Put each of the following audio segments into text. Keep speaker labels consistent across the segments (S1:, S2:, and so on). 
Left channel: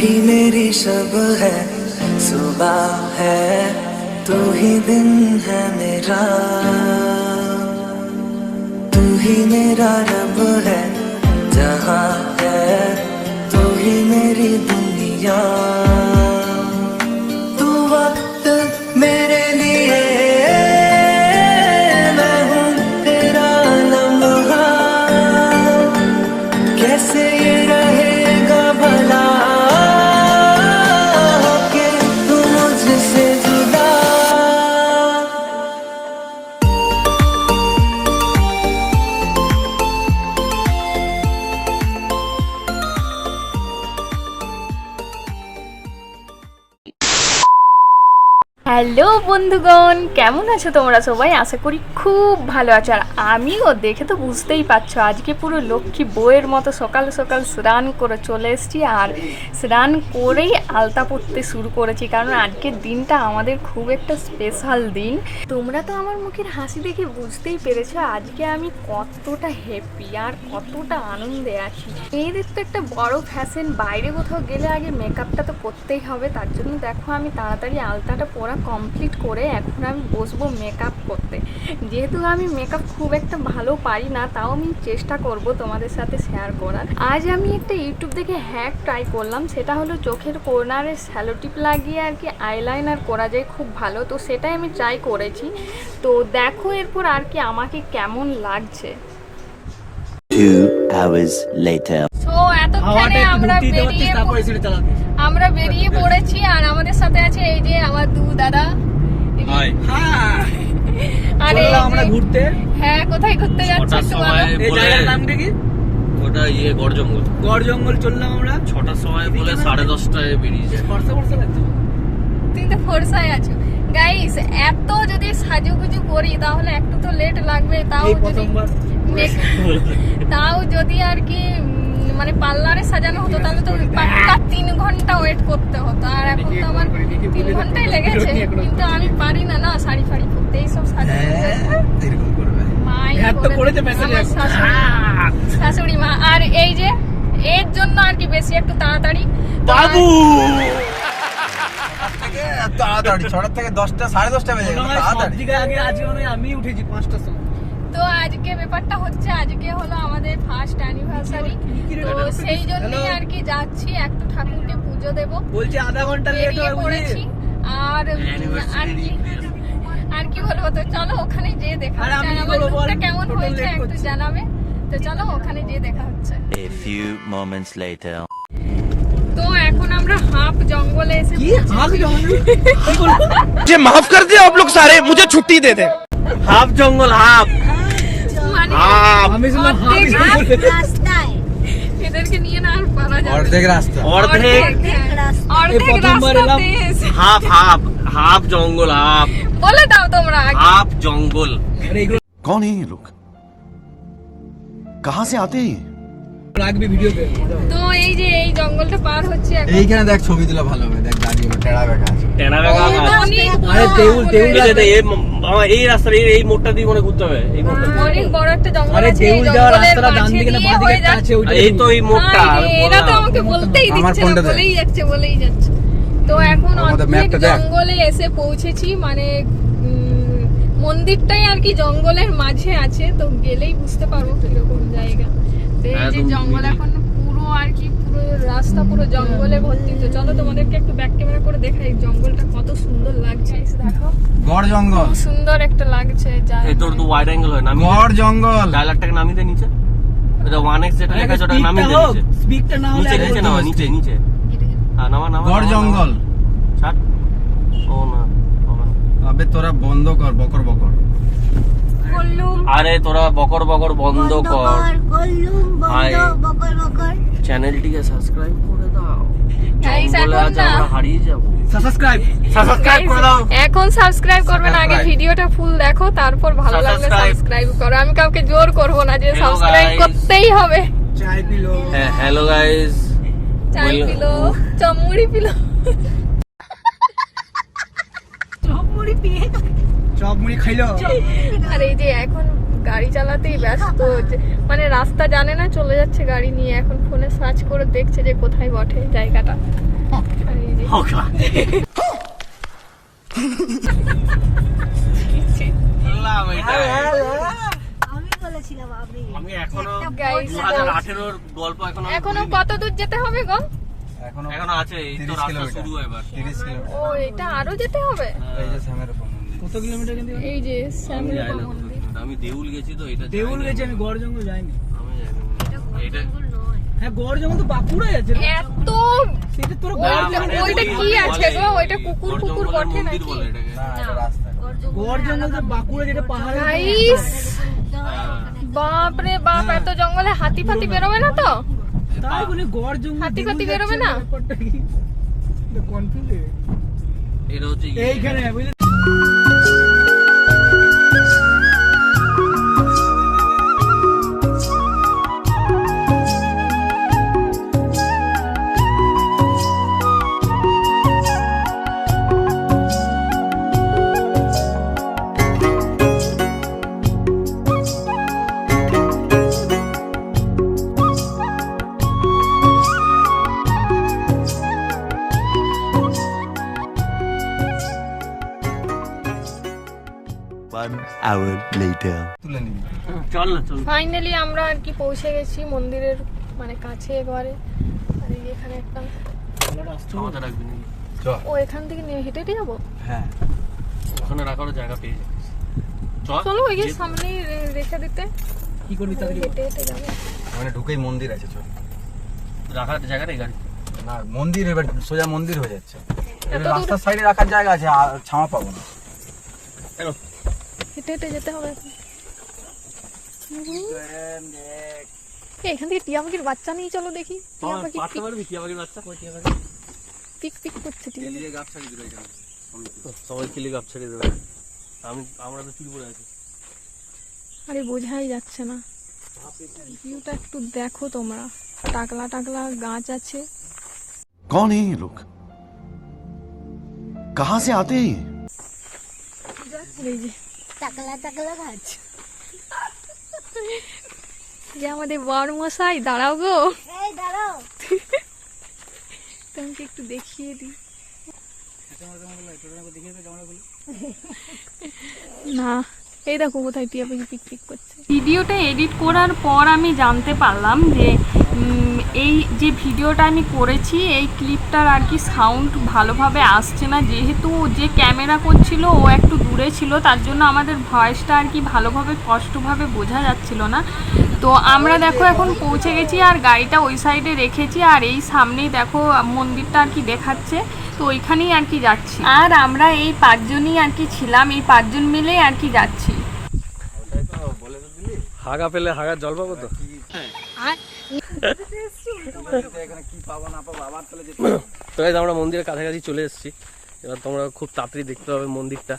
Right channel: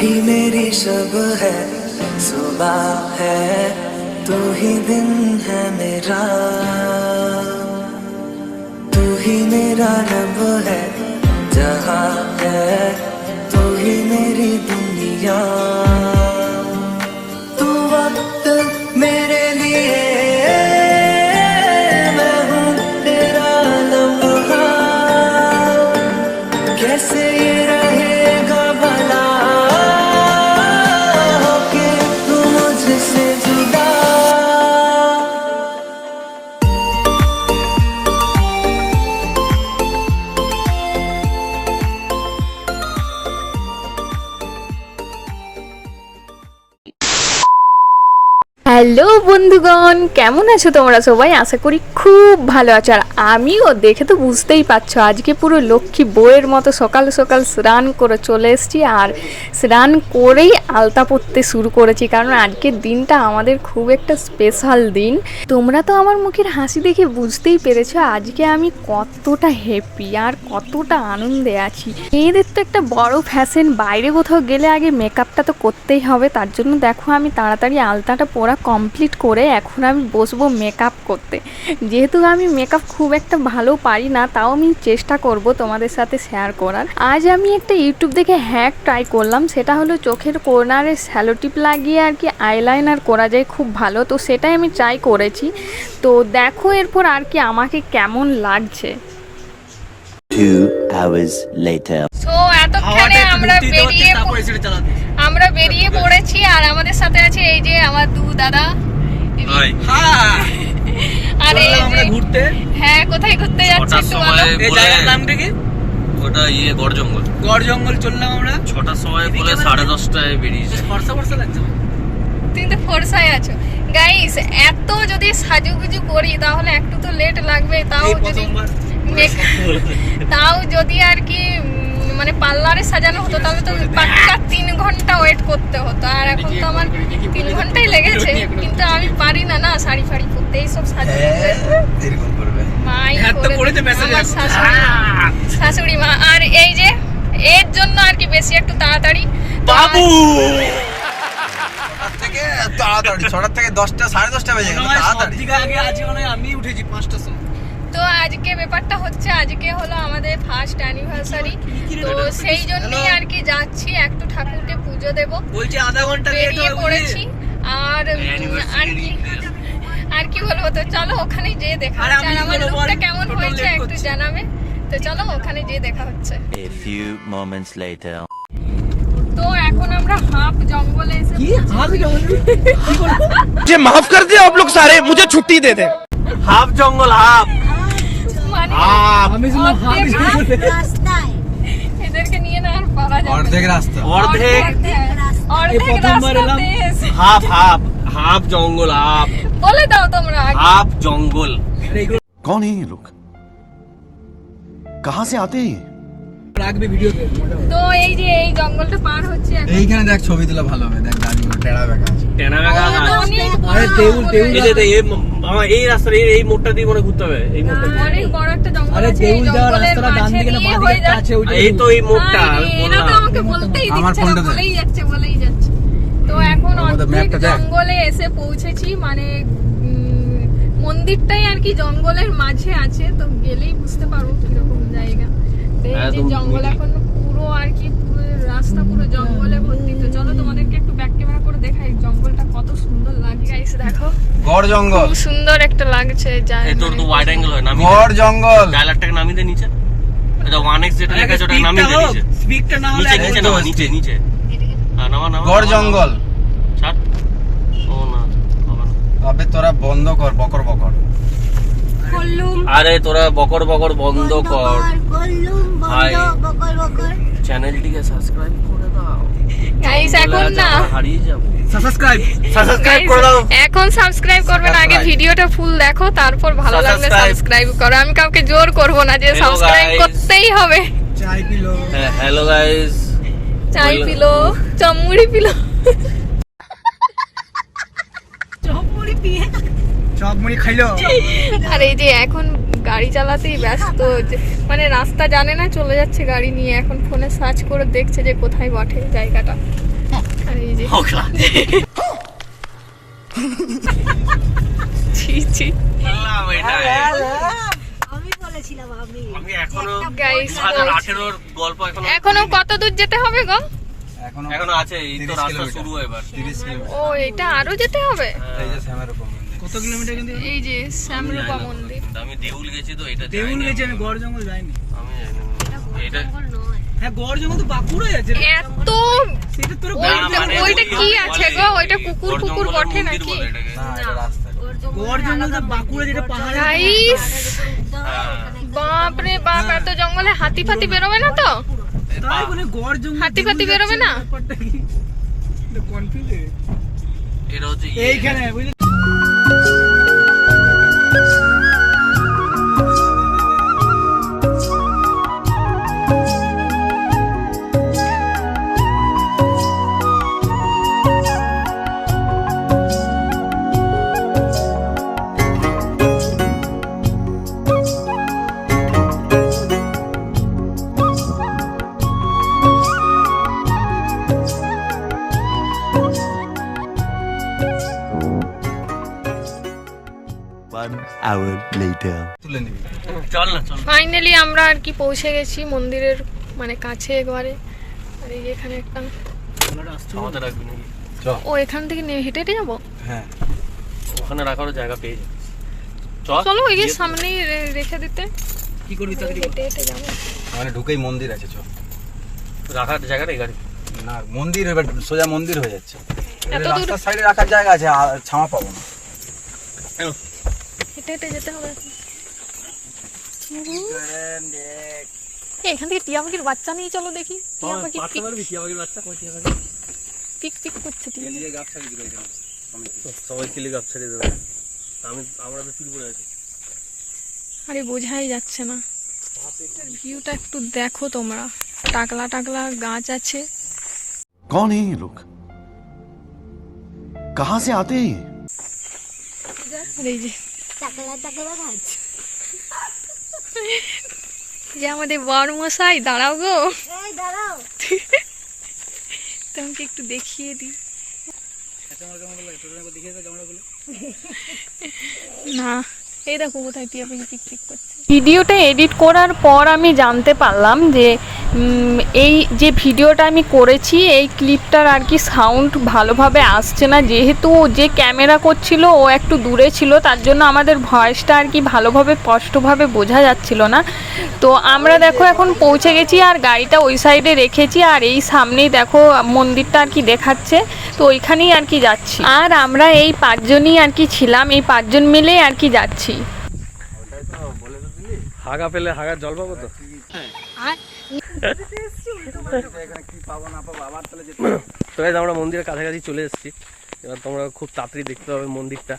S1: ही मेरी सब है, सुबह है, तू ही दिन है मेरा। तू ही मेरा रब है, जहाँ है, तू ही मेरी दुनिया। तू वक्त मेरे लिए
S2: হ্যালো বন্ধুগণ, কেমন আছো তোমরা সবাই? আশা করি খুব ভালো আছো। আর আমিও দেখে তো বুঝতেই পারছ, আজকে পুরো লক্ষ্মী বইয়ের মতো সকাল সকাল স্নান করে চলে এসেছি আর স্নান করেই আলতা পড়তে শুরু করেছি। কারণ আজকের দিনটা আমাদের খুব একটা স্পেশাল দিন। তোমরা তো আমার মুখের হাসি দেখে বুঝতেই পেরেছ, আজকে আমি কতটা হ্যাপি আর কতটা আনন্দে আছি। মেয়েদের তো একটা বড় ফ্যাশন বাইরে কোথাও গেলে আগে মেকআপটা তো করতেই হবে। তার জন্য দেখো আমি তাড়াতাড়ি আলতাটা পরা কমপ্লিট করে এখন আমি বসবো মেকআপ করতে। যেহেতু আমি মেকআপ খুব একটা ভালো পারি না তাও আমি চেষ্টা করব তোমাদের সাথে শেয়ার করার। আজ আমি একটা ইউটিউব দেখে হ্যাক ট্রাই করলাম সেটা হলো চোখের কর্নারে স্যালোটিপ লাগিয়ে আর কি আইলাইনার করা যায় খুব ভালো। তো সেটাই আমি ট্রাই করেছি। তো দেখো এরপর আর কি আমাকে কেমন লাগছে।
S3: Two hours later.
S2: তো এতক্ষণে আমরা বেরিয়ে আমরা বেরিয়ে পড়েছি আর আমাদের সাথে আছে এই যে আমার দু দাদা। আর যে
S4: ঘুরতে।
S2: হ্যাঁ কোথায় ঘুরতে যাচ্ছি
S5: ছটার
S2: একটু বলো?
S4: এই জায়গার নামটা কি?
S5: ওটা ইয়ে গড় জঙ্গল।
S4: গড় জঙ্গল চললাম আমরা।
S5: ছটার সময় বলে সাড়ে দশটায় বেরিয়েছে
S4: ফর্সা ফর্সা লাগছে।
S2: তুমি তো ফোরসায় আছো। গাইস এত যদি সাজুগুজু করি তাহলে একটু তো লেট লাগবে তাও যদি তাও যদি আর কি উম, মানে পার্লারে সাজানো হতো তাহলে তো পাক্কা তিন ঘণ্টা ওয়েট করতে হতো। আর এখন তো আমার তিন ঘন্টাই লেগেছে কিন্তু আমি পারি না না শাড়ি ফাড়ি পরতে এইসব সাজু মাই
S4: হ্যাঁ, message
S2: আমার শাশুড়ি শাশুড়ি মা আর এই যে এর জন্য আর কি বেশি একটু তাড়াতাড়ি।
S4: বাবু!
S6: থেকে তাড়াতাড়ি ছটার থেকে দশটা সাড়ে দশটা বেজে গেল তাড়াতাড়ি।
S4: আগে আজকে আমি উঠেছি পাঁচটার সময়।
S2: তো আজকে ব্যাপারটা হচ্ছে আজকে হলো আমাদের ফার্স্ট অ্যানিভার্সারি তো সেই জন্যই আর কি যাচ্ছি একটু ঠাকুরকে পুজো দেব
S4: বলছি আধা ঘন্টা লেট
S2: বেরিয়ে
S4: হবে
S2: পড়েছি আর উম, আর কি আর কি বলবো তো চলো ওখানে যেয়ে দেখা
S4: আর
S2: হচ্ছে
S4: আমি
S2: আর আমার
S4: বলবো,
S2: লুকটা
S4: আর
S2: কেমন
S4: total
S2: হয়েছে
S4: late
S2: একটু
S4: করছি।
S2: জানাবে তো চলো ওখানে যেয়ে দেখা হচ্ছে
S3: A few moments later.
S2: তো এখন আমরা হাফ জঙ্গলে এসে
S4: কি
S2: পৌঁছেছি।
S4: হাফ জঙ্গল
S6: मुझे माफ कर दे आप लोग सारे मुझे छुट्टी दे दे
S4: হাফ জঙ্গল হাফ
S2: মানে
S4: আমি শুনলাম হাফ
S2: অর্ধেক
S4: জঙ্গল
S2: এদেরকে
S6: অর্ধেক
S2: না।
S6: রাস্তা
S4: অর্ধেক
S2: অর্ধেক
S4: প্রথমবার এলাম।
S2: রাস্তাতে এসে-
S5: হাফ হাফ হাফ জঙ্গল হাফ
S2: বলে দাও তোমরা আগে।
S5: হাফ জঙ্গল
S7: कौन है ये लोग कहां से आते हैं
S4: ভিডিওতে
S2: তো? এই যে এই জঙ্গলটা পার হচ্ছে এখন।
S6: এইখানে দেখ ছবি তুলে ভালো হবে দেখ দাঁড়িয়ে টেড়া বেকা আছে।
S2: বড়
S4: আরে দেউল
S2: জঙ্গল।
S4: দেউল
S5: এই যে এই আমার এই রাস্তার এই এই মোড়টা দিয়ে মনে ঘুরতে হবে। এই মোড়টা
S2: অনেক বড় একটা জঙ্গল আছে এই
S4: যাওয়ার রাস্তাটা ডান দিকে না বাঁ দিকে আছে ওইটা
S5: এই তো এই মোড়টা
S2: এরা তো আমাকে বলতেই দিচ্ছে না বলেই যাচ্ছে বলেই যাচ্ছে। তো এখন জঙ্গলে এসে পৌঁছেছি মানে উম, মন্দিরটাই আর কি জঙ্গলের মাঝে আছে তো গেলেই বুঝতে পারব কীরকম জায়গা। এই যে জঙ্গল এখন পুরো আর কি পুরো রাস্তা পুরো জঙ্গলে ভর্তি তো। চলো তোমাদেরকে একটু ব্যাক ক্যামেরা করে দেখাই জঙ্গলটা কত সুন্দর লাগে গাইস দেখো।
S6: গড় জঙ্গল।
S2: খুব সুন্দর একটা লাগছে যা
S5: এই তোর তো ওয়াইড অ্যাঙ্গেল হয় নামিয়ে
S6: গড় জঙ্গল।
S5: ডায়লগটাকে নামিয়ে দে নিচে। এটা যেটা লেখা আছে ওটাকে নামিয়ে দে নিচে।
S4: স্পিকটা না হলে
S5: নিচে নিচে নামা নিচে নিচে। হ্যাঁ নামা নামা
S6: গড় জঙ্গল।
S5: ছাড়। ও না।
S6: আবে তোরা বন্ধ কর বকর বকর।
S5: আরে তোরা বকর বকর বন্ধ কর ভাই চ্যানেলটিকে সাবস্ক্রাইব করে দাও।
S2: গাইস এখন না।
S5: হারিয়ে যাব।
S4: সাবস্ক্রাইব
S5: সাবস্ক্রাইব করে দাও।
S2: এখন সাবস্ক্রাইব করবে না। আগে ভিডিওটা ফুল দেখো তারপর ভালো লাগলে সাবস্ক্রাইব করো। আমি কাউকে জোর করব না যে সাবস্ক্রাইব করতেই হবে।
S4: চাই পিলো
S5: হ্যাঁ হ্যালো গাইস
S2: চাই পিলো চমুড়ি পিলো
S4: চপ মুড়ি খাইলো।
S2: আর এই যে এখন গাড়ি চালাতেই ব্যস্ত যে- মানে রাস্তা জানে না চলে যাচ্ছে গাড়ি নিয়ে এখন ফোনে সার্চ করে দেখছে যে কোথায় বটে জায়গাটা। আর এই যে এখনও কত দূর যেতে হবে গো?
S5: এখনও আছে এই তো রাস্তা শুরু এবার।
S2: ও এটা আরও যেতে হবে?
S4: কত কিলোমিটার কিন্তু
S2: এই যে শ্যামরূপা মন্দির।
S5: আমি দেউল গেছি তো এটা
S4: দেউল গেছে আমি গড় জঙ্গল যাইনি।
S5: আমি জানি এটা
S4: হ্যাঁ গড় জঙ্গল তো বাঁকুড়ায় আছে
S2: এত
S4: সেটা তোর
S2: ওইটা
S5: মানে
S2: কি আছে গো? ওইটা কুকুর কুকুর বটে নাকি?
S4: গড় জঙ্গল তো বাঁকুড়া যেটা পাহাড়ে
S2: গাইস!
S5: হ্যাঁ।
S2: বাপ রে বাপ এত জঙ্গলে হাতি ফাতি বেরোবে না তো?
S4: তাই বলে গড় জঙ্গল
S2: হাতি ফাতি বেরোবে না?
S4: কনফিউজ
S5: এটা হচ্ছে ইয়ে।
S4: এইখানে
S5: thank you.
S2: ফাইনালি আমরা আর কি পৌঁছে গেছি মন্দিরের মানে কাছে একবারে আর এই এখানে একটা। ও এখান থেকে নিয়ে হেঁটে হেঁটে যাব? হ্যাঁ।
S5: ওখানে রাখারও জায়গা পেয়ে যাবে। চল।
S2: চলো ওই সামনেই রে- রেখে দিতে।
S4: কি করবি তাড়াতাড়ি
S2: হেঁটে হেঁটে যাব।
S8: মানে ঢুকেই মন্দির আছে চল।
S5: রাখার জায়গাটা এই গাড়ি।
S8: না মন্দির এবার সোজা মন্দির হয়ে যাচ্ছে।
S2: এত দূর
S8: রাস্তার সাইডে রাখার জায়গা আছে আর ছামা পাবো না।
S2: হেঁটে হেঁটে যেতে হবে এই, এখান থেকে টিয়া পাখির বাচ্চা নিয়ে চলো দেখি টিয়া পাখি
S5: পারতে
S2: পিক
S5: পারবি টিয়া পাখির বাচ্চা কই টিয়া পাখি
S2: পিক পিক করছে টিয়া পাখি।
S5: সবাই কিলে গাপ ছেড়ে দেবে আমি আমরা তো ত্রিপুরা আছি
S2: আরে বোঝাই যাচ্ছে না ভিউটা একটু দেখো তোমরা টাকলা টাকলা গাছ আছে
S7: कौन है ये लोग कहां से आते हैं ये
S2: আর এই যে
S9: টাকলা টাকলা ভাজ
S2: যে আমাদের বর মশাই দাঁড়াও গো।
S9: এই দাঁড়াও।
S2: তোমাকে একটু দেখিয়ে দিই। না। এই দেখো কোথায় টিয়া পাখি পিক পিক করছে। ভিডিওটা এডিট করার পর আমি জানতে পারলাম যে এই যে ভিডিওটা আমি করেছি, এই ক্লিপটার আর কি সাউন্ড ভালোভাবে আসছে না। যেহেতু যে ক্যামেরা করছিল, ও একটু দূরে ছিল, তার জন্য আমাদের ভয়েসটা আর কি ভালোভাবে, স্পষ্টভাবে বোঝা যাচ্ছিল না। তো আমরা দেখো এখন পৌঁছে গেছি আর গাড়িটা ওই সাইডে রেখেছি আর এই সামনেই দেখো মন্দিরটা আর কি দেখাচ্ছে। তো ওইখানেই আর কি যাচ্ছি। আর আমরা এই পাঁচজনই আর কি ছিলাম এই পাঁচজন মিলেই আর কি যাচ্ছি।
S5: হাগা পেলে হাগার জল পাবো তো? তো আমরা মন্দিরের কাছাকাছি চলে এসেছি। এবার তোমরা খুব তাড়াতাড়ি দেখতে পাবে মন্দিরটা।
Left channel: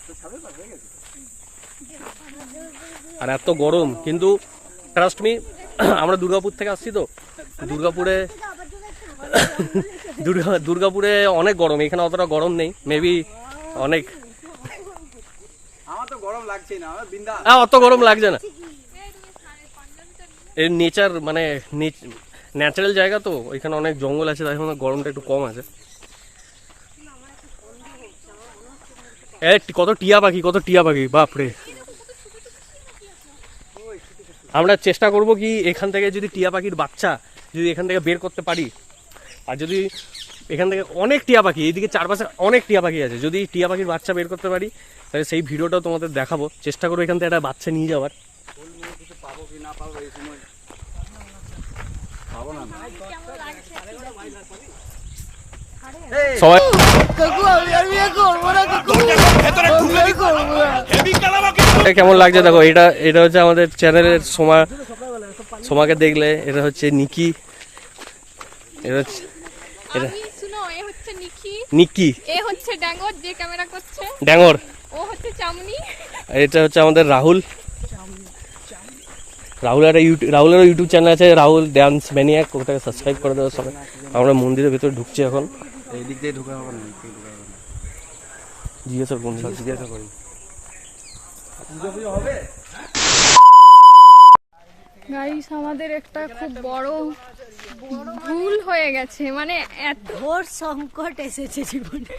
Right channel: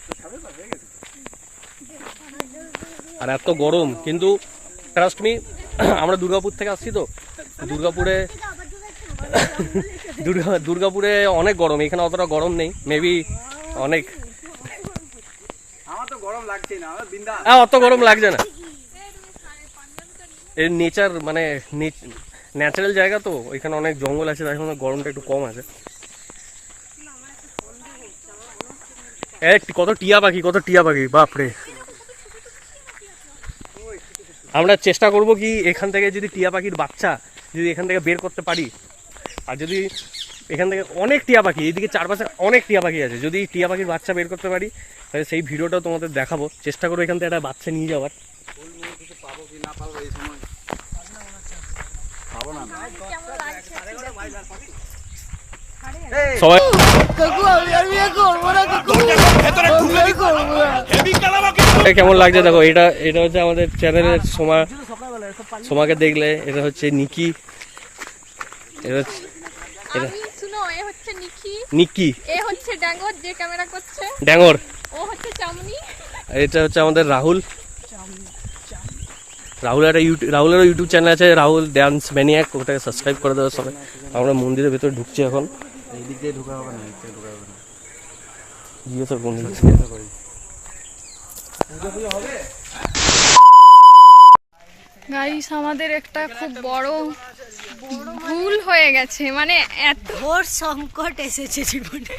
S5: আর এত গরম কিন্তু ট্রাস্ট মি আমরা দুর্গাপুর থেকে আসছি তো। দুর্গাপুরে দুর্গা দুর্গাপুরে অনেক গরম এখানে অতটা গরম নেই মেবি অনেক। হ্যাঁ অত গরম লাগছে না। এর নেচার মানে ন্যাচারাল জায়গা তো ওইখানে অনেক জঙ্গল আছে তাই জন্য গরমটা একটু কম আছে। কত টিয়া পাখি কত টিয়া পাখি বাপরে। আমরা চেষ্টা করব কি এখান থেকে যদি টিয়া পাখির বাচ্চা যদি এখান থেকে বের করতে পারি আর যদি এখান থেকে অনেক টিয়া পাখি এইদিকে চারপাশে অনেক টিয়া পাখি আছে যদি টিয়া পাখির বাচ্চা বের করতে পারি তাহলে সেই ভিডিওটাও তোমাদের দেখাবো। চেষ্টা করব এখান থেকে একটা বাচ্চা নিয়ে যাওয়ার। সবাই এটা কেমন লাগছে? দেখো এটা এটা হচ্ছে আমাদের চ্যানেলের সোমা সোমাকে দেখলে এটা হচ্ছে নিকি। এটা হচ্ছে এটা
S2: শুনো এ হচ্ছে নিকি।
S5: নিকি।
S2: এ হচ্ছে ড্যাঙ্গর যে ক্যামেরা করছে।
S5: ড্যাঙর
S2: ও হচ্ছে চামনি।
S5: আর এটা হচ্ছে আমাদের রাহুল। রাহুল একটা ইউটিউব রাহুলেরও ইউটিউব চ্যানেল আছে রাহুল ড্যান্স ম্যানিয়াক ওটাকে সাবস্ক্রাইব করে দেওয়ার সবাই। আমরা মন্দিরের ভেতরে ঢুকছি এখন।
S8: এই দিক দিয়ে ঢুকা হবে না এই দিক দিয়ে ঢুকা
S5: জিজ্ঞাসা করুন।
S8: জিজ্ঞাসা করি।
S2: গাইস আমাদের একটা খুব বড় ভুল হয়ে গেছে। মানে এত
S9: ঘোর সংকট এসেছে জীবনে।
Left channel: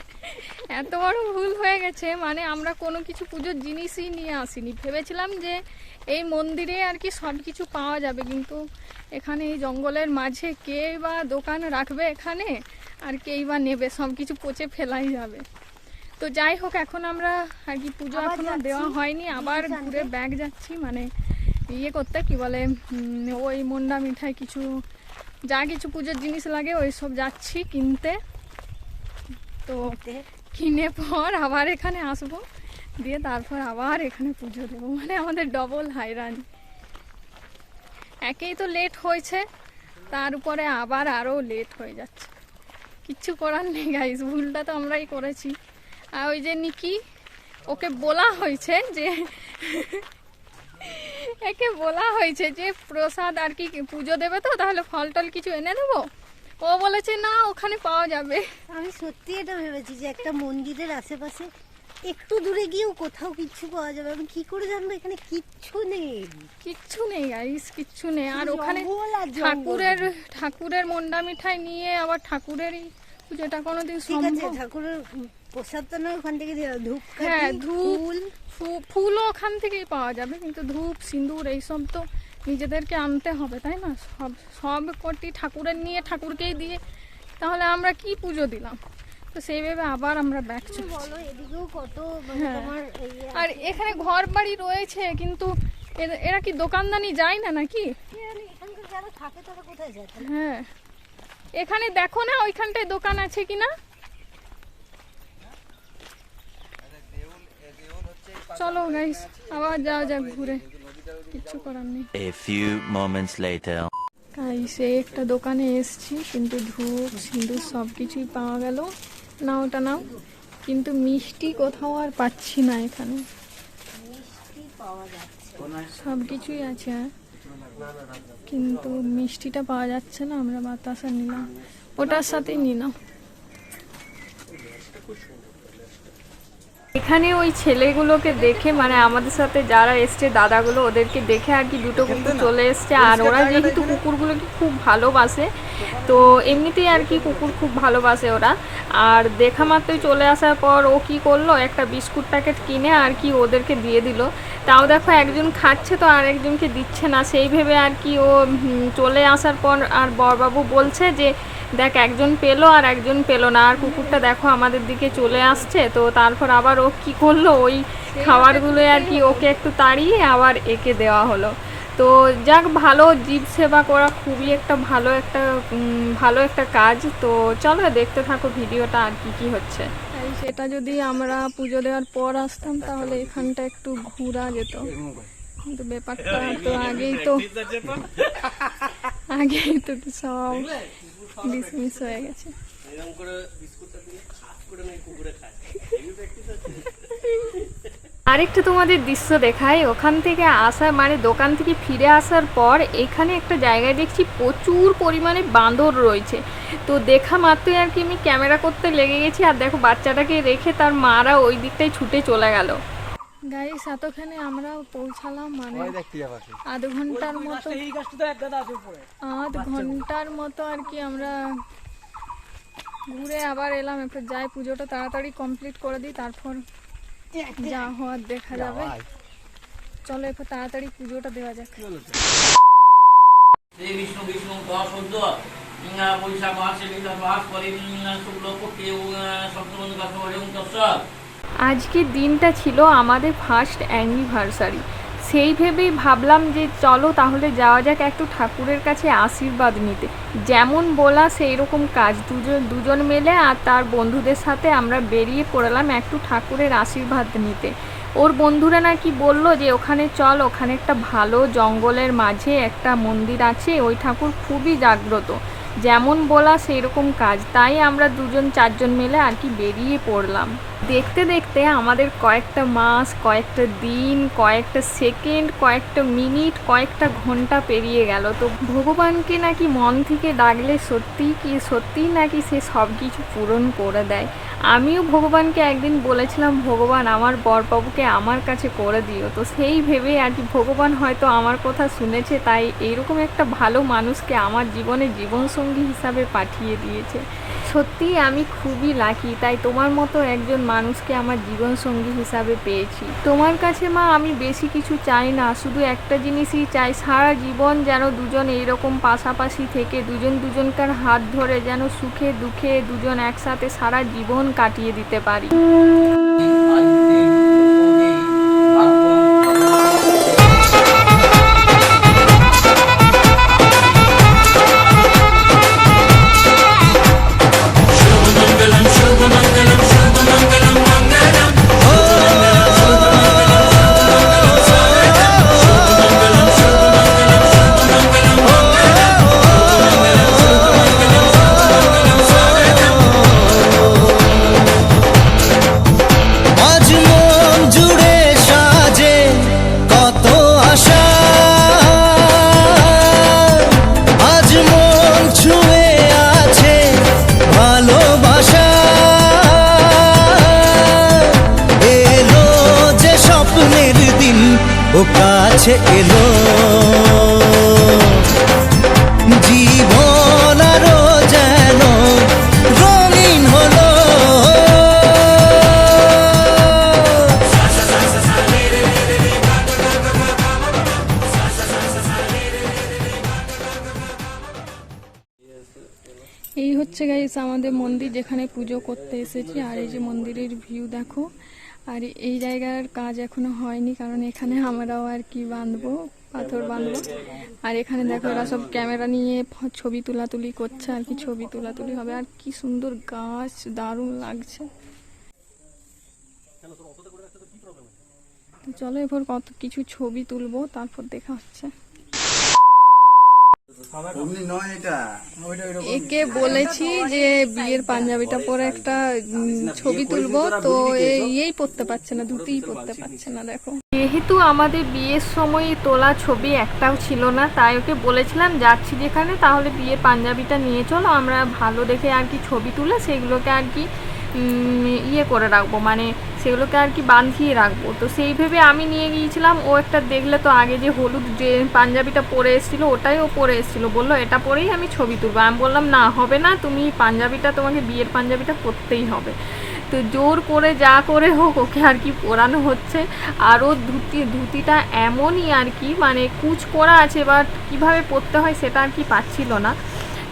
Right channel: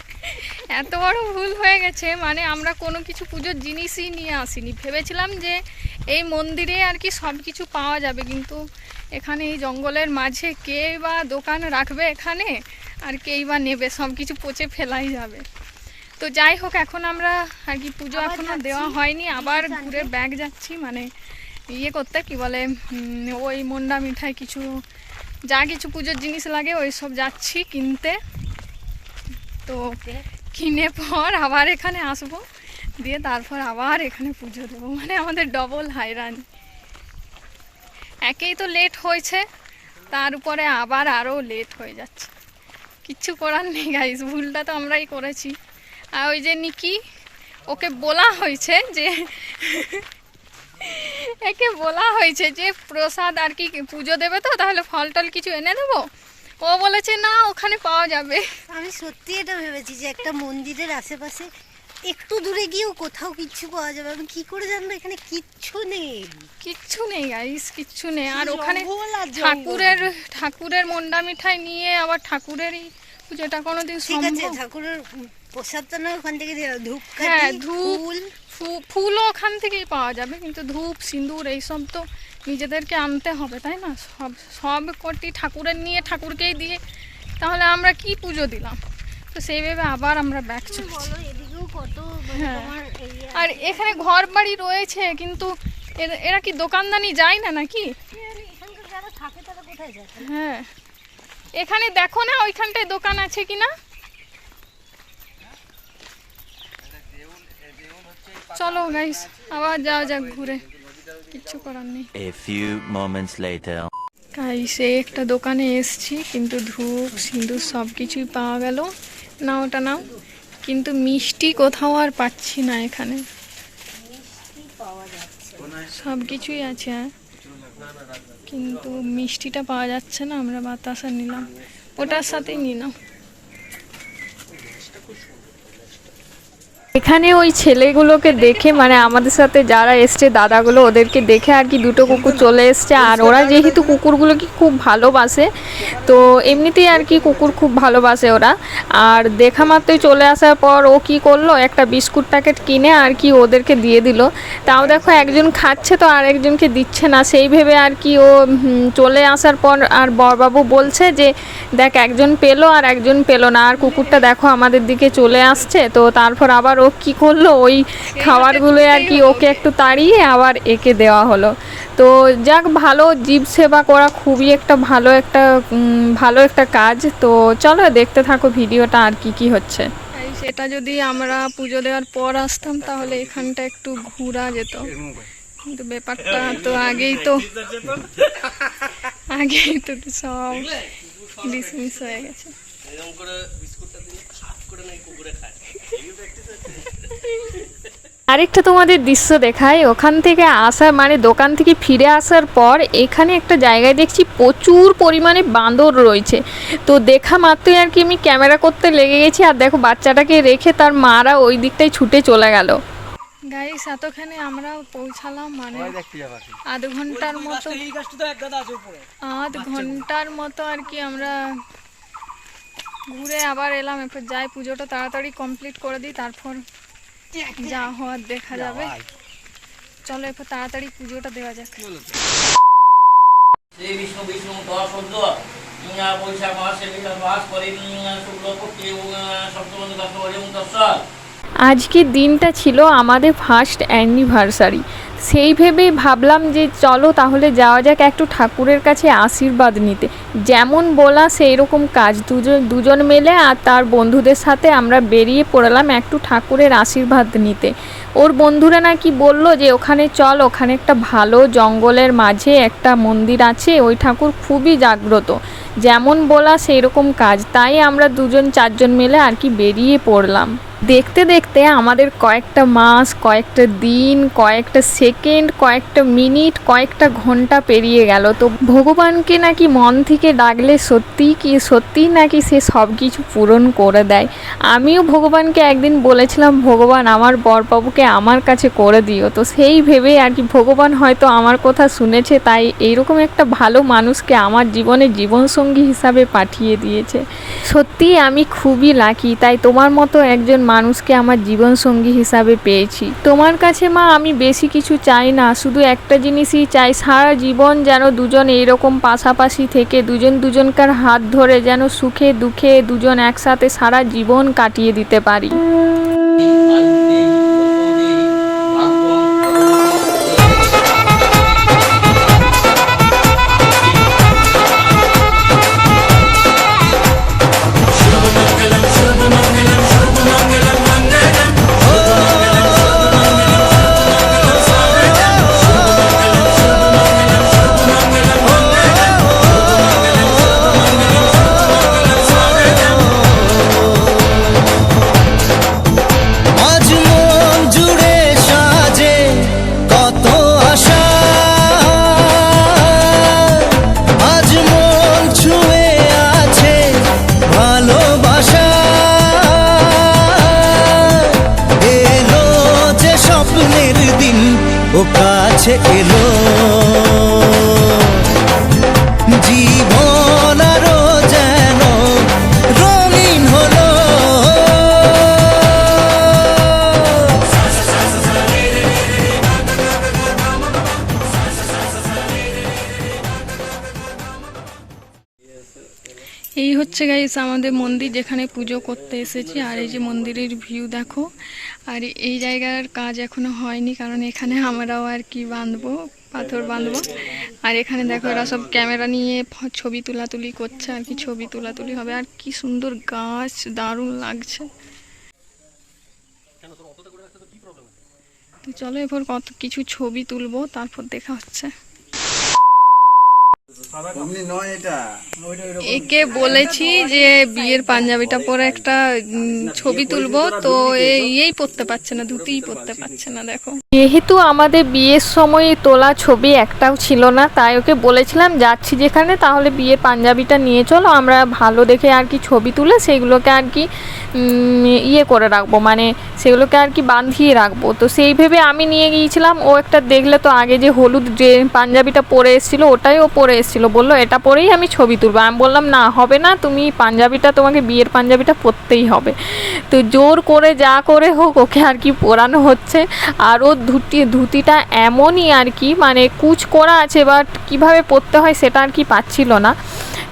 S2: এত বড় ভুল হয়ে গেছে মানে আমরা কোনো কিছু পুজোর জিনিসই নিয়ে আসিনি। ভেবেছিলাম যে এই মন্দিরে আর কি সব কিছু পাওয়া যাবে কিন্তু এখানে এই জঙ্গলের মাঝে কে বা দোকান রাখবে এখানে? আর কেই বা নেবে সব কিছু পচে ফেলাই যাবে। তো যাই হোক এখন আমরা আর কি পুজো এখনও দেওয়া হয়নি আবার ঘুরে ব্যাগ যাচ্ছি মানে ইয়ে করতে কি বলে ওই মন্ডা মিঠাই কিছু যা কিছু পুজোর জিনিস লাগে ওই সব যাচ্ছি কিনতে। তো কিনে পর আবার এখানে আসব দিয়ে তারপর আবার এখানে পুজো দেবো মানে আমাদের ডবল হাইরান একেই তো লেট হয়েছে তার উপরে আবার আরও লেট হয়ে যাচ্ছে। কিচ্ছু করার নেই গাইস ভুলটা তো আমরাই করেছি। আর ওই যে নিকি ওকে বলা হয়েছে যে একে বলা হয়েছে যে প্রসাদ আর কি পুজো দেবে তো তাহলে ফল টল কিছু এনে দেবো? ও বলেছে না ওখানে পাওয়া যাবে।
S9: আমি সত্যি এটা ভেবেছি যে একটা মন্দিরের আশেপাশে একটু দূরে গিয়েও কোথাও কিচ্ছু পাওয়া যাবে। আমি কি করে জানব? এখানে কিচ্ছু নেই।
S2: কিচ্ছু নেই গাইস কিচ্ছু নেই। আর ওখানে। ঠাকুরের ঠাকুরের মন্ডা মিঠাই নিয়ে আবার ঠাকুরেরই পুজোটা কোনোদিন সম্ভব।
S9: ঠাকুরের প্রসাদটা না ওখান থেকে। ধূপকাঠি
S2: হ্যাঁ ধূপ ফুলও ওখান থেকেই পাওয়া যাবে কিন্তু ধূপ সিঁদুর এইসব তো নিজেদেরকে আনতে হবে তাই না? সব সব কটি ঠাকুরের নিয়ে ঠাকুরকেই দিয়ে তাহলে আমরা কি পুজো দিলাম? তো সেইভাবে আবার আমরা ব্যাক চলেছি হ্যাঁ। আর এখানে ঘর বাড়ি রয়েছে কিন্তু এরা- কি দোকানদানি যায় না নাকি? হ্যাঁ। এখানে দেখো না ওইখানটায় দোকান আছে কি না চলো গাইস আবার যাওয়া যাক ঘুরে। কিচ্ছু করার নেই।
S3: A few moments later.
S2: Guys এই একটা দোকানে এসছি কিন্তু ধূপ সিঁদুর সব কিছুই পাওয়া গেল। না ওটা নাও। কিন্তু মিষ্টি কোথাও আর পাচ্ছি না এখানে। সব কিছুই আছে হ্যাঁ? কিন্তু মিষ্টিটা পাওয়া যাচ্ছে না আমরা বাতাসা নিলাম। ওটার সাথেই নিলাম। এখানে ওই ছেলেগুলোকে দেখে মানে আমাদের সাথে যারা এসছে, দাদাগুলো, ওদেরকে দেখে আর কি দুটো কুকুর চলে এসছে। আর ওরা যেহেতু কুকুরগুলোকে খুব ভালোবাসে, তো এমনিতেই আর কি কুকুর খুব ভালোবাসে ওরা। আর দেখা মাত্রই চলে আসার পর ও কি করল, একটা বিস্কুট প্যাকেট কিনে আর কি ওদেরকে দিয়ে দিল। তাও দেখো একজন খাচ্ছে তো আর একজনকে দিচ্ছে না। সেই ভেবে আর কি ও চলে আসার পর আর বরবাবু বলছে যে, দেখ, একজন পেল আর একজন পেল না। আর কুকুরটা দেখো আমাদের দিকে চলে আসছে। তো তারপর আবার ও কি করল? ওই খাবারগুলো আর কি ওকে একটু তাড়িয়ে আবার একে দেওয়া হলো। তো যাক ভালো জীব সেবা করা খুবই একটা ভালো একটা ভালো একটা কাজ। তো চলো দেখতে থাকো ভিডিওটা আর কি কি হচ্ছে। সেটা যদি আমরা পুজো দেওয়ার পর আসতাম তাহলে এখানটা একটু ঘোরা যেত। কিন্তু ব্যাপারটা তো আগেই তো আগেই তো সব ডিসমিস হয়ে গেছে। আরেকটা তোমাদের দৃশ্য দেখায় ওখান থেকে আসা মানে দোকান থেকে ফিরে আসার পর এখানে একটা জায়গায় দেখছি প্রচুর পরিমাণে বাঁদর রয়েছে। তো দেখা মাত্রই আর কি আমি ক্যামেরা করতে লেগে গেছি আর দেখো বাচ্চাটাকে রেখে তার মারা ওই দিকটাই ছুটে চলে গেল। গাইস এতখানে আমরা পৌঁছালাম মানে আধ ঘণ্টার মতো আধ ঘণ্টার মতো আর কি আমরা ঘুরে আবার এলাম। এরপর যাই পুজোটা তাড়াতাড়ি কমপ্লিট করে দিই তারপর যা হওয়ার দেখা যাবে। চলো এরপর তাড়াতাড়ি পুজোটা দেওয়া যাক।
S10: শ্রী বিষ্ণু বিষ্ণু বৈশাখ মাসে মাস শুক্লপক্ষে
S2: আজকের দিনটা ছিল আমাদের ফার্স্ট অ্যানিভার্সারি সেই ভেবেই ভাবলাম যে চলো তাহলে যাওয়া যাক একটু ঠাকুরের কাছে আশীর্বাদ নিতে। যেমন বলা সেই রকম কাজ। দুজন দুজন মেলে আর তার বন্ধুদের সাথে আমরা বেরিয়ে পড়লাম একটু ঠাকুরের আশীর্বাদ নিতে। ওর বন্ধুরা নাকি বলল যে, ওখানে চল, ওখানে একটা ভালো জঙ্গলের মাঝে একটা মন্দির আছে, ওই ঠাকুর খুবই জাগ্রত। যেমন বলা সেই রকম কাজ। তাই আমরা দুজন, চারজন মিলে আর কি বেরিয়ে পড়লাম। দেখতে দেখতে আমাদের কয়েকটা মাস, কয়েকটা দিন, কয়েকটা সেকেন্ড,
S11: কয়েকটা মিনিট, কয়েকটা ঘণ্টা পেরিয়ে গেল। তো ভগবানকে নাকি মন থেকে ডাকলে সত্যিই কি, সত্যিই নাকি সে সব কিছু পূরণ করে দেয়? আমিও ভগবানকে একদিন বলেছিলাম, ভগবান, আমার বরবাবুকে আমার কাছে করে দিও। তো সেই ভেবে আর কি ভগবান হয়তো আমার কথা শুনেছে, তাই এইরকম একটা ভালো মানুষকে আমার জীবনে জীবনসঙ্গী হিসাবে পাঠিয়ে দিয়েছে। সত্যি আমি খুবই লাকি তাই তোমার মতো একজন মানুষকে আমার জীবনসঙ্গী হিসাবে পেয়েছি। তোমার কাছে মা, আমি বেশি কিছু চাই না, শুধু একটা জিনিসই চাই, সারা জীবন যেন দুজন এইরকম পাশাপাশি থেকে দুজন দুজনকার হাত ধরে যেন সুখে দুঃখে দুজন একসাথে সারা জীবন কাটিয়ে দিতে পারি।
S12: কাছে এলো। জীবন আরও যেন রঙিন হলো।
S11: এই হচ্ছে গাইস আমাদের মন্দির যেখানে পুজো করতে এসেছি। আর এই যে মন্দিরের ভিউ দেখো। আর এই জায়গার কাজ এখনও হয়নি কারণ এখানে আমরাও আর কি বাঁধবো পাথর বাঁধবো। আর এখানে দেখো এরা সব ক্যামেরা নিয়ে ছবি তোলাতুলি করছে আর কি ছবি তোলাতুলি হবে। আর কি সুন্দর গাছ দারুণ লাগছে। তো চলো এবার কত কিছু ছবি তুলবো তারপর দেখা হচ্ছে
S8: অমনি নয় এটা ওইটা ওইরকম
S11: একে বলেছি যে বিয়ের পাঞ্জাবিটা পরে একটা ছবি তুলবো তো এই এই পড়তে পারছে না ধুতিই পড়তে পারছে না দেখো। যেহেতু আমাদের বিয়ের সময় তোলা ছবি একটাও ছিল না তাই ওকে বলেছিলাম যাচ্ছি যেখানে তাহলে বিয়ের পাঞ্জাবিটা নিয়ে চলো আমরা ভালো দেখে আর কি ছবি তুলে সেগুলোকে আর কি ইয়ে করে রাখব মানে সেগুলোকে আর কি বাঁধিয়ে রাখব। তো সেই ভেবে আমি নিয়ে গিয়েছিলাম ও একটা দেখলে তো আগে যে হলুদ যে পাঞ্জাবিটা পরে এসেছিল ওটাই ও পরে এসেছিল, বলল, এটা পরেই আমি ছবি তুলবো। আমি বললাম, না, হবে না, তুমি পাঞ্জাবিটা, তোমাকে বিয়ের পাঞ্জাবিটা পরতেই হবে। তো জোর করে যা করে হোক, ওকে আর কি পরানো হচ্ছে। আর ওর ধুতি, ধুতিটা এমনই আর কি মানে কুচ করা আছে, বাট কীভাবে পরতে হয় সেটা আর কি পাচ্ছিল না।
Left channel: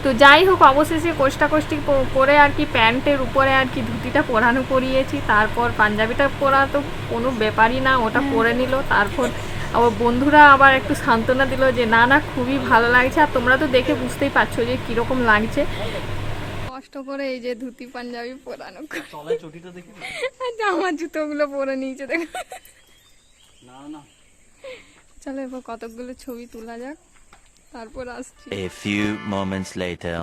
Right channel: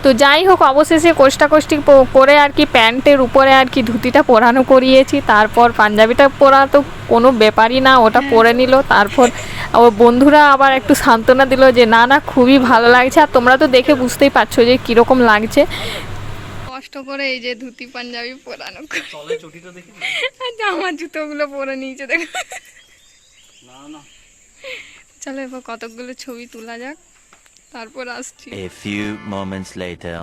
S11: তো যাই হোক অবশেষে কোষ্টাকষ্টি প- করে আর কি প্যান্টের উপরে আর কি ধুতিটা পরানো করিয়েছি। তারপর পাঞ্জাবিটা পরা তো কোনো ব্যাপারই না ওটা পরে নিল। তারপর ওর বন্ধুরা আবার একটু সান্ত্বনা দিল যে না না খুবই ভালো লাগছে। আর তোমরা তো দেখে বুঝতেই পারছ যে কীরকম লাগছে। কষ্ট করে এই যে ধুতি পাঞ্জাবি পরানো জামা জুতোগুলো পরে নিয়েছে দেখো। চলো এবার কতকগুলো ছবি তোলা যাক। তারপর আসছি।
S3: A few moments later.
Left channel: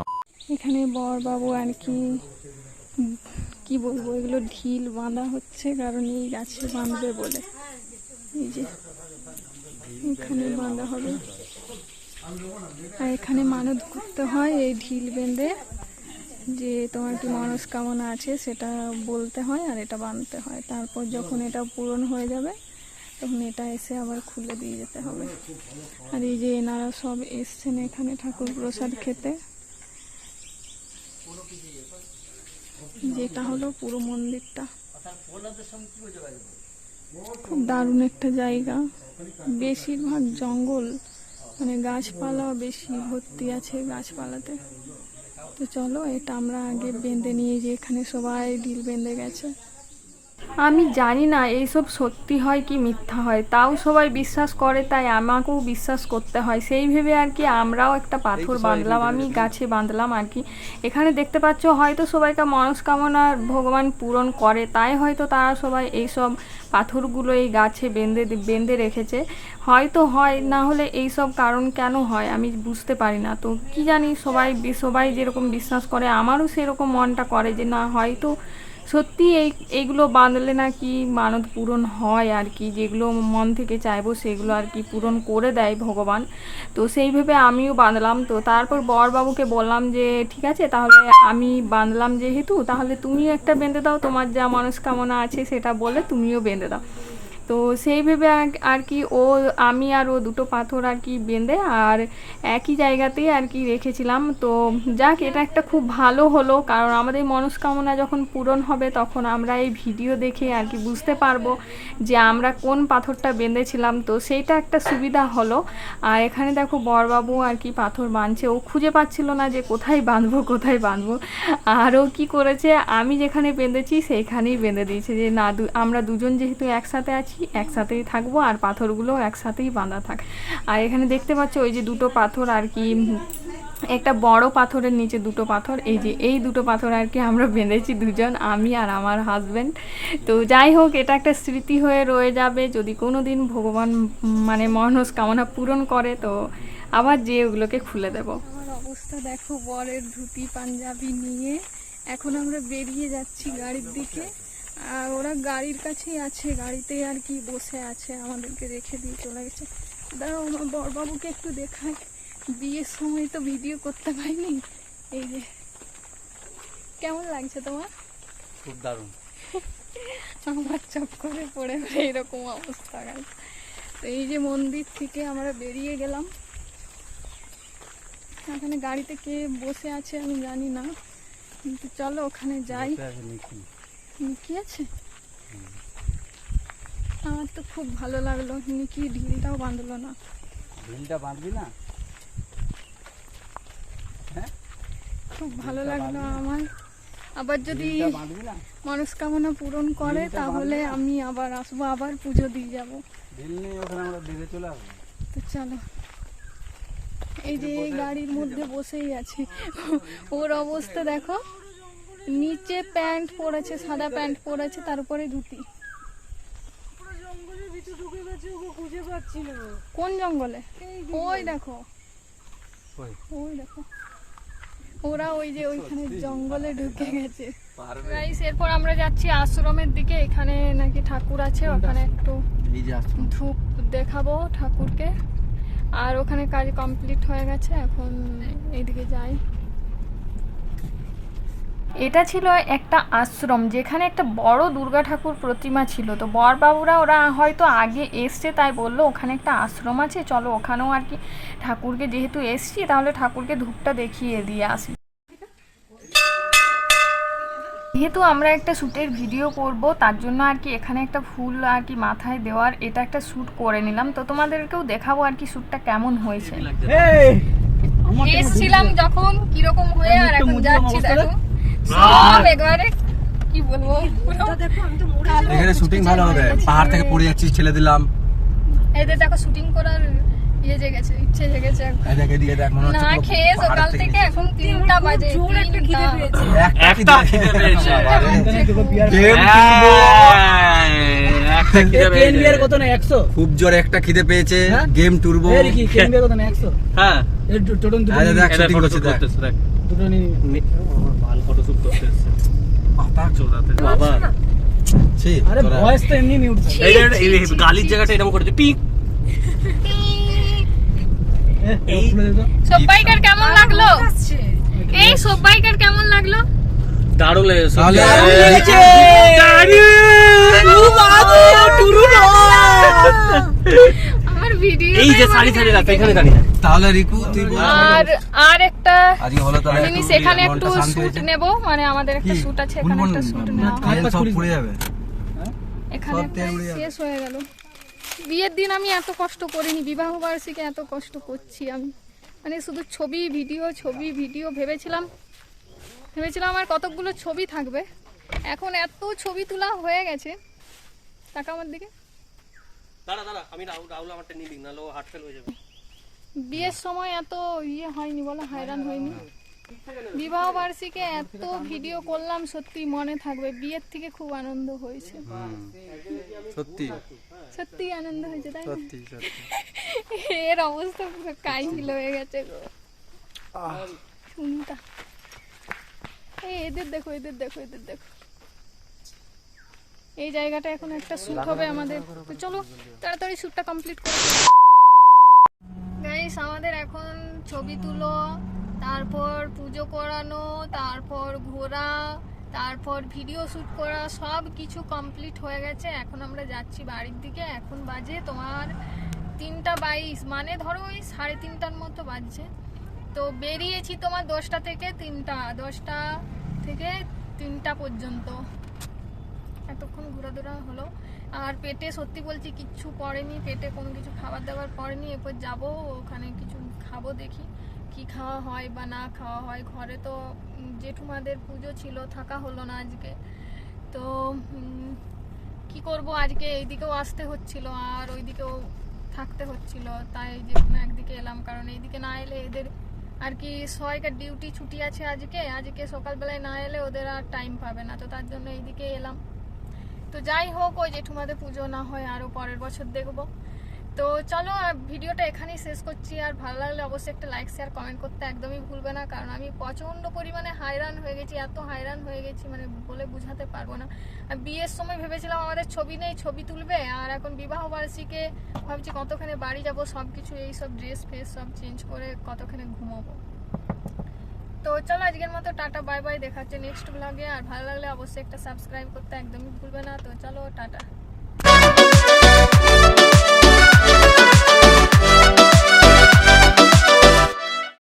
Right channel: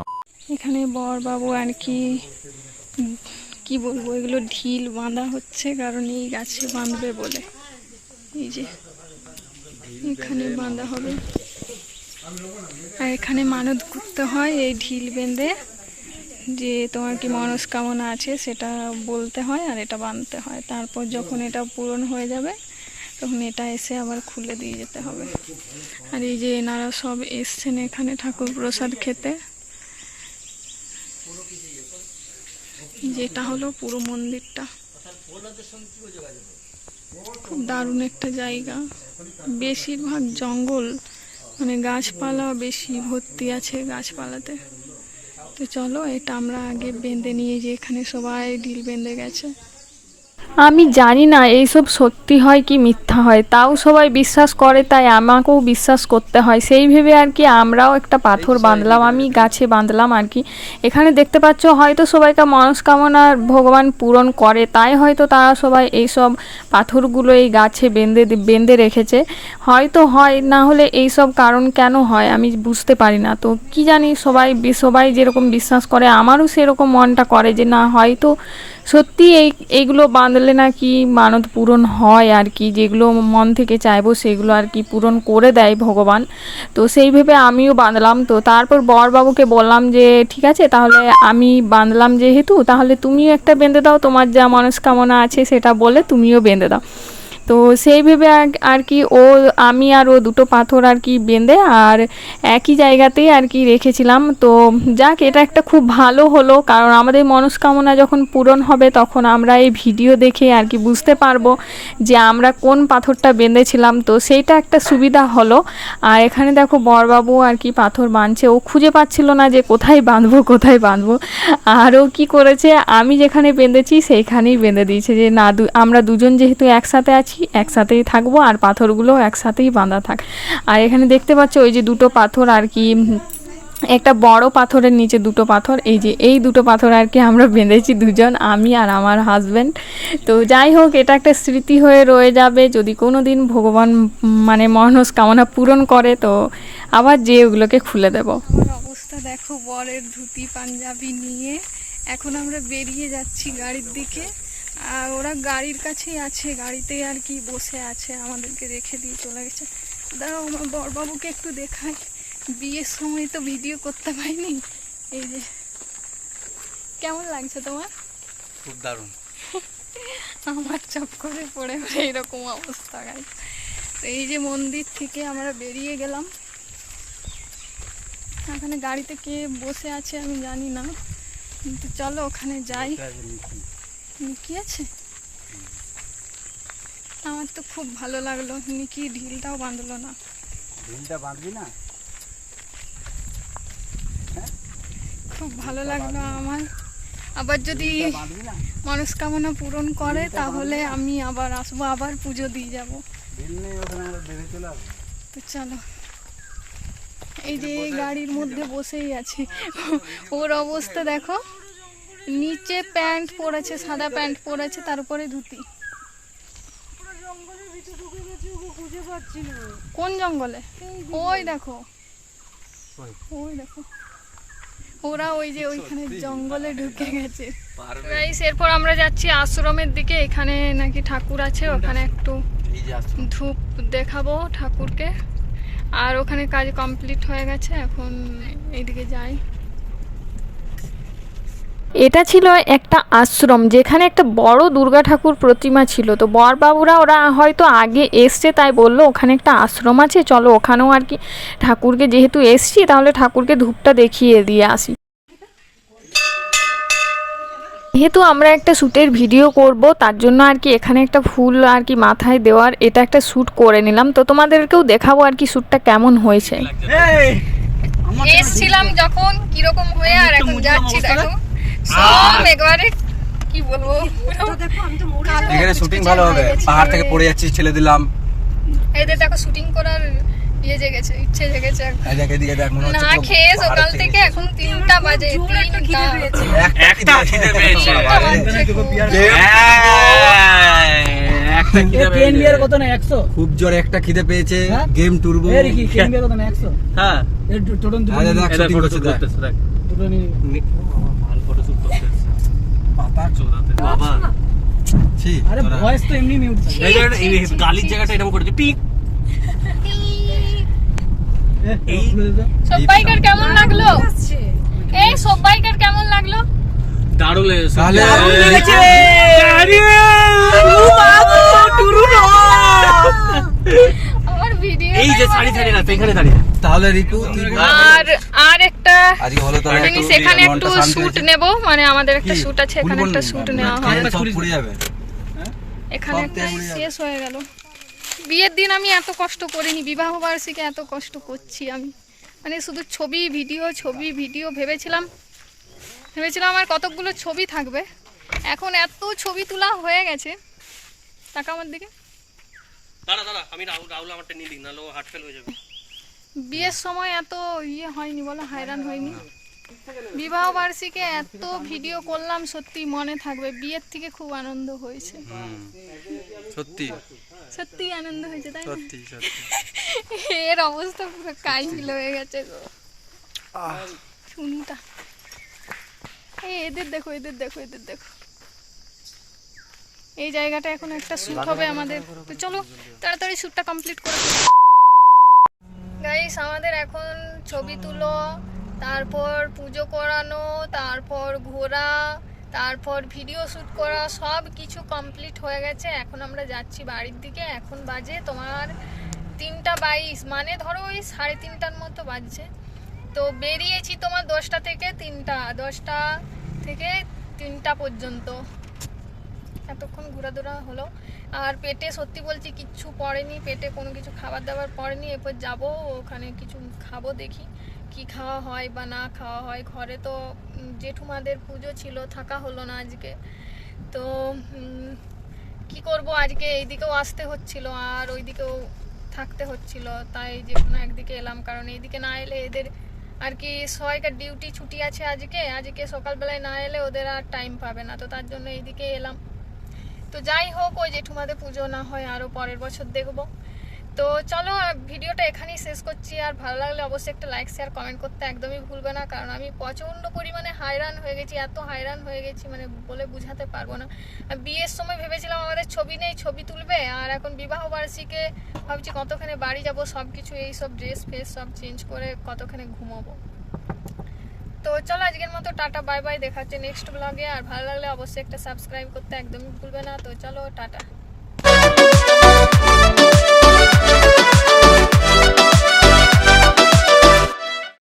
S11: এখানে বর বাবু আর কি কি বলব এগুলো ঢিল বাঁধা হচ্ছে কারণ এই গাছে বাঁধবে বলে। এই যে এখানে বাঁধা হবে। আর এখানে মানত করতে হয় এই ঢিল বেঁধে যে তোমার কি মনস্কামনা আছে সেটা বলতে হয় আর এটা বাঁধতে হয়। তারপর যখন এটা পূরণ হয়ে যাবে তখন এটা এসে আবার খুলে দিয়ে যেতে হবে। আর এই যে এনারা সব এসছেন এখানে ঠাকুর প্রসাদ খেতে। যেটা হলো পুরো মন্দিরটা। খুব দারুণ একটা জায়গা। বেশিরভাগ জঙ্গল মানে গাছপালা বেশি ভর্তি আছে গাছপালাতে। তো চলো, এটা আমরা আগে বেঁধে নিয়ে যে এখানে সবাই ডিল বেঁধে গেছে। আমি জানি না এইসব সত্যি হয় কি মিথ্যা হয়। তাও সবাই বিশ্বাস করে তাই আমাকেও বিশ্বাস করতে হয়। সেই ভেবে আর কি আমরাও একটা পাথর বাঁধলাম আমি গাছে বাঁধলাম আর কি। এখানে দেখতে পাচ্ছ হয়তো সবাইকে মনস্কামনা ভগবান পূরণ করে তাই হয়তো তারা সবাই এইসব পাথরগুলো এই গাছে বেঁধে বেঁধে রেখেছে। হয়তো হয় না হলে এইসব কারণ কেন হয় আমি বুঝতে পারি না। তো কি জানি সবাই সবাই যেরকম বিশ্বাস করে আমারও সেরকম মনটা করে যে না হয়তো
S2: সত্যি এই, এইগুলো বাঁধলে নাকি মানত পূরণ হয় আর কি, যেগুলো মন থেকে চাইব সেগুলো আর কি পূরণ করে দেয় ভগবান। তো সেই ভেবে আমিও বাঁধলাম। তো তারপর বরবাবুকে বললাম যে, ঠিক আছে, তাহলে আমি বাঁধলাম যেহেতু, তাহলে তুমিও একটা বেঁধে দাও, তোমার যা মনস্কামনা আছে সেটা বলে তুমিও বেঁধে দাও। তো সেই ভেবে আর- কি ও, আমি আর ও দুটো পাথর আর কি বেঁধে আর একই জায়গাতেই আর কি রেখেছিলাম। তো যাক, এটা একটা খুব ভালো হলো, কারণ আমাদের মনস্কামনা যখন পূরণ হবে তখন আমরা এই ভিডিও দেখে আর কি বুঝতে পারব যে আমরা কোন পাথরটা বেঁধেছিলাম। তো সেইটা একটা সুবিধা হলো। আর এখানে দেখো বরবাবু আর কি পাথর বাঁধছে। ও খুঁজে পাচ্ছিল না যে কোথায় বাঁধবো কোথায় বাঁধবো। আর ও কী করেছে, আমি যেখানে বেঁধেছি সেইখানেই বেঁধে দিয়েছে যে, না আমরা দুজন যেহেতু একসাথে আছি একসাথেই থাকব আর পাথরগুলো একসাথেই বাঁধা থাক। আর এখানে দেখতে পাচ্ছ ওই যে দুটো পাথর আর কি একটা বড় পাথরের নিচে দুটো পাথর, এই যে এই দুটো পাথর আর কি আমরা বেঁধেছি দুজন, আমি আর আমার হাজব্যান্ড তো যাই হোক, এটা একটা স্মৃতি হয়ে রয়ে যাবে। যদি কোনো দিন ভগবান মানে মনস্কামনা পূরণ করে, তো আবার যে ওগুলোকে খুলে দেব। অবস্থা দেখো, বরের ধুতি, পাঞ্জাবি নিয়ে। এখন আমরা বেরিয়ে যাচ্ছি গাড়ির দিকে। আর ওরা গাড়ির কাছেই আছে গাড়িতে আর কি বসে আছে আমাদেরকে রেখে দিয়ে চলে গেছে। দাঁড়াও আমার বরবাবুকে একটু দেখাই। বিয়ের সময় তো ভিডিও করতে পারিনি। এই যে কেমন লাগছে তোমার?
S8: খুব দারুণ।
S2: আমার চপ করে পড়ে পড়ে এরকম অবস্থা গাই তো এই যে মন্দির থেকে আমরা বেরিয়ে গেলাম। ওখানে গাড়িতে কে বসে আছে আমি জানি না। কিন্তু চলো ওখানে যাই। আছে? আমার তো খুব ভালো লাগল। নিকি ঢিলটাও বাঁধলো না।
S8: ঢিলটা বাঁধবি না?
S2: খুব ভালো লাগল আমার। আবার যদি মনস্কামনা পূরণ করে তাহলে আমি আবার আসব আবার পুজো দিয়ে যাব। তো চলো। এই যে এই গাড়ির মধ্যে বসেই আছে। ওর অবস্থা দেখো। নিচে প্যান্ট পরেছে সাদা প্যান্ট পরেছে তার উপরে ধুতি। কোন জঙ্গলে? ওই দেখো। ওই। দেখো। ওরা ওই যে ওইখানে জঙ্গলে ঢুকে গেছে। গাইস এরপর আমরা যাচ্ছি আশ্রমের দিকে। এখানে নাকি ঠাকুর আছে ওখানে একটু ধূপ দেখাবো ঠাকুরকে। আর ওখানে কাজ কমপ্লিট হয়ে গেছে এখন এইদিকে যাই। এটা ছিল একটা আশ্রম যেখানে একটা বড় দুর্গা ঠাকুর প্রতিমা ছিল। তো বরবাবুরা ওরা হয়তো আগে এসছে তাই বলল ওখানে একটা আশ্রম আছে চলো ওখানেও আর কি ঠাকুরকে যেহেতু এসছি তাহলে ঠাকুরকে ধূপটা দেখিয়ে দিয়ে আসি। যেহেতু আমরা একটা শ্যুটের ভিডিও করব তার জন্য আর কি এখানে একটা ফুল আর কি মাথায় দেওয়ার এটা একটা শ্যুট করে নিলাম। তো তোমাদেরকেও দেখাবো আর কি শ্যুটটা কেমন হয়েছে। এসছিলাম যখন কীরকম হয়ে আর এখন যাচ্ছি দেখো। একবারে কি বলব?
S8: এখানে শুটিং ভালো হবে। পাহাড় থেকে পড়ে যাচ্ছি ছেলে দিলাম।
S2: এদের দেখো শুটিং করার ইয়ে জেগেছে ইচ্ছে জেগেছে এখন।
S8: এই দেখ এদিকে দেখ হচ্ছে
S2: না খেয়ে সকাল থেকে এখন তিনটা বাজে তিনটা।
S8: একটা খিদে পেয়েছে।
S4: কেন বিয়ার কত না 100
S8: খুব জোরে একটা খিদে পেয়েছে? গেম টুরবো
S4: এই কি কেন বিয়ার কত না 100
S5: হ্যাঁ।
S4: টোটন
S8: শুটিং করছে দেখ।
S5: করতে এসছে।
S8: পাতা
S5: চোদাতে। বাবা।
S4: আরে ভয়েস তো এমনি মিউট
S5: এই গালির জায়গাটা এরকম করেছে পিক।
S2: সব্বাইকার কেমন লাগল? এই সব্বাইকার কেমন লাগল?
S5: দারুণ লেগেছে দারুণ লেগেছে
S2: ভিডিও
S5: এই যে সারি সারি রাতে এখানে দাঁড়িয়ে
S8: তাহলে রিকু
S2: আর আর একটা
S8: আজকে হলো তাহলে
S2: জিনিস
S8: একটু
S2: এখানে একটু শুট নেব মানে আমাদের একটা? শুট আছে এখানে একটা শুট নেওয়া
S8: মানে
S2: হবে
S8: সব যাবে।
S2: এখানে একটা
S8: উড়ে যাবে।
S2: শেষ হয়ে গেল। বিয়ের দিন আমি এত কষ্ট করিনি বিবাহ বার্ষিকে এত কষ্ট করছি আমি। মানে শুধু ছবি ভিডিও ছবি ভিডিও ভেবেছিলাম। ভেবেছিলাম আমার কতকগুলো ছবি থাকবে। এখন এত ছবি তোলা হয়ে গেছে। টাকা আমার দিকে।
S5: দাঁড়া দাঁড়া আমি রাহুল রাহুল আমারটা নিয়ে দিই নাহলে ও হার্ট ফেল হয়ে যাবে।
S2: বিয়ের সময় এত ইয়ে হয়নি বলো হয়রান হয়নি? বিবাহ বার্ষিকে এত ভিডিও করলাম সত্যি মনে থাকবে বিয়ের থেকে খুব আনন্দ হয়েছে।
S8: সত্যি।
S2: সত্যি আনন্দ হয়েছে তাই না?
S8: সত্যি সত্যি।
S2: এর অবস্থা পুরো কাইল হয়ে গেছে গো। এই এদের দেখো এদের দেখো এদের দেখো। এই জায়গাটা এখন একটা শ্যুট হবে আমাদের। তো চলো, তাড়াতাড়ি শ্যুটটা কমপ্লিট করে গাইস আমাদের এখন ছবি তুলো, তারপর পুজো করানো, তারপর ঘোরা, তারপর ভিডিও শ্যুট করা, সব কিছু কমপ্লিট হয়ে গেছে। এখন আমরা যাচ্ছি বাড়ির দিকে। এখন বাজে তোমার তিনটা বাইশ। মানে ধরো ওই সাড়ে তিনটার মতো বাজছে। তো বেরিয়েছি তোমার দশটা থেকে তিনটা, দশটা থেকে তিনটা পর্যন্ত। এতক্ষণ ঘোরাধুরা হলো। আর পেটে সত্যি বলছি কিচ্ছু পড়েনি, পেটে কোনো কিছু খাবার দাবার পড়েনি, এরপর যাব, ওখানে কিছু খাব দেখি কি খাওয়া হয় বা না খাওয়া হয়। ঘরে তো জেঠুমাদের পুজো ছিল, থাকা হলো না আজকে। তো কি করব? আজকে এইদিকেও আসতে হচ্ছিল, আর ওইদিকেও থাকতে হচ্ছিল। তাই যে কোনো একদিকে এলাম, কারণ এইদিকে না এলে এদের আর কি সবাইকার ডিউটি ছুটি আছে আজকে। আজকে সকালবেলায় না এলে ওদের আর টাইম পাবে না। তো তার জন্য এইদিকে এলাম। তো যাই হোক, ওই জেঠুমাদের পুজো না হয় আরও পরের বছর দেখব। তো চলো ভিডিওটা এখানেই শেষ করছি। আর ভালো লাগলে অবশ্যই একটা লাইক শেয়ার কমেন্ট করতে একদমই ভুলবে না। কারণ আমি প্রচণ্ড পরিমাণে হায়রান হয়ে গেছি, এত হায়রান হয়ে গেছি মানে বলে বুঝাতে পারব না। বিয়ের সময় ভেবেছিলাম আমাদের ছবি নেই, ছবি তুলবে। আর এখন বিবাহ বার্ষিকে ভাবছি কতখানে বাড়ি যাব সব কিছু এই সব ড্রেস ফ্রেস সব চেঞ্জ করে কতখানে ঘুমাবো। তো চলো আজকের মতো টাটা, বাই বাই, দেখাচ্ছে নেক্সট ব্লগে আর ভালো লাগলে অবশ্যই একটা সাবস্ক্রাইব করতে একদমই ভুলবে না। তো চলো, টাটা।